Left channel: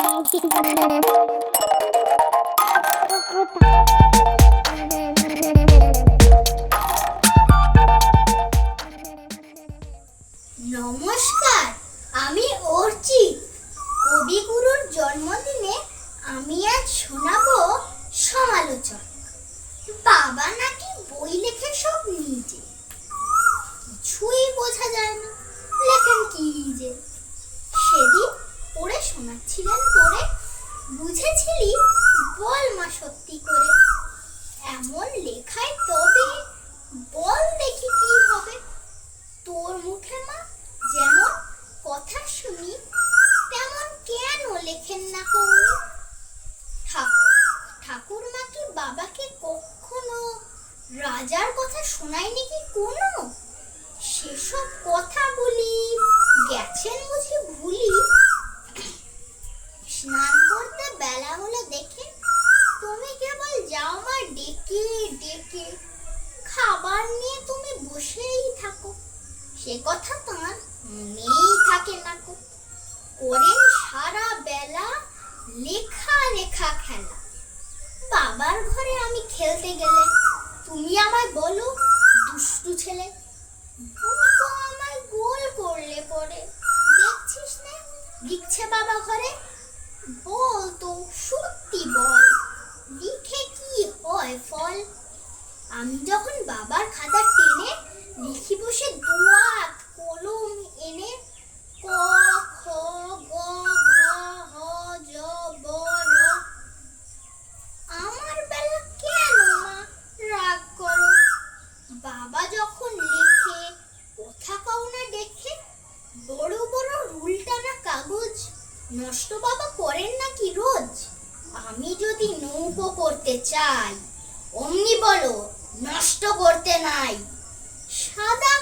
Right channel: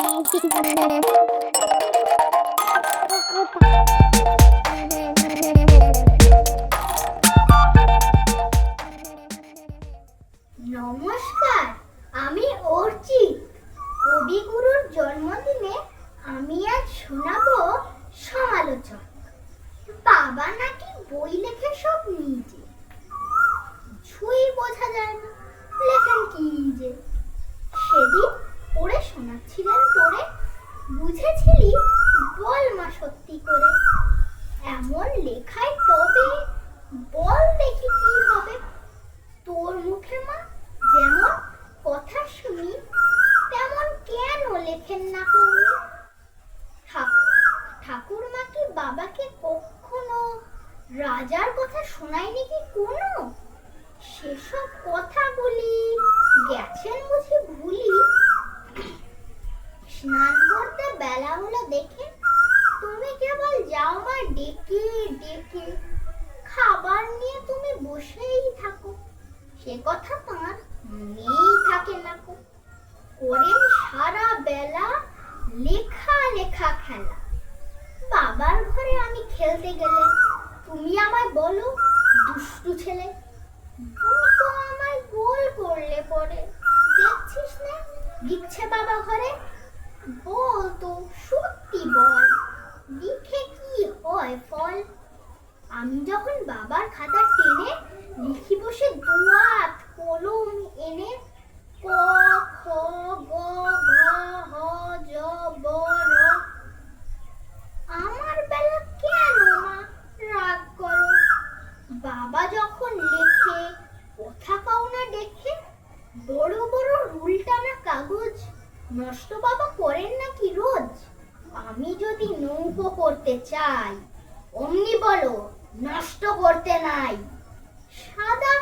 নমস্কার, আমি অর্চিত। কবিগুরুর জন্মদিনে আমি আজ শোনাবো সমালোচক। বাবা নাকি বই লেখে সব নিজে, কিছুই বোঝা যায় না লেখেন কি যে। সেদিন পড়ে শোনাচ্ছিলেন তোরে, বুঝেছিলি বল মা সত্যি করে। এমন লেখায় তবে বল দেখি কি হবে। তোর মুখে মা যেমন কথা শুনি, তেমন কেন লেখেন না কৌনি? ঠাকুরমা কি বাবাকে কখনো রাজার কথা শোনায়নি কি কোনো? সেসব কথা বলি গেছেন বুঝি ভুলি। স্নান করতে বেলা হলো দেখে তুমি কেবল যাও মা ডেকে ডেকে, খাবার নিয়ে তুমি বসেই থাকো। সে কথা তাঁর মনেই থাকে না কো। করেন সারা বেলা লেখা লেখা খেলা। বাবার ঘরে আমি খেলতে গেলে তুমি আমায় বলো দুষ্টু ছেলে। ও তো আমায় গোল করলে পরে, দেখছিস না লিখছে বাবা ঘরে। বল তো সত্যি বল, লিখে কি হয় ফল? আমি যখন বাবার খাতা টেনে লিখি বসে দুয়াত কলম এনে, ক খ গ ঘ হ য ব র। আমার বেলা কেন মা রাগ করো? বাবা যখন লেখে কথা পাও না দেখে। বড় বড় রুল টানা কাগজ নষ্ট বাবা করেন নাকি রোজ? আমি যদি নৌকো করতে চাই, অমনি বলো নষ্ট করতে নাই। সাদা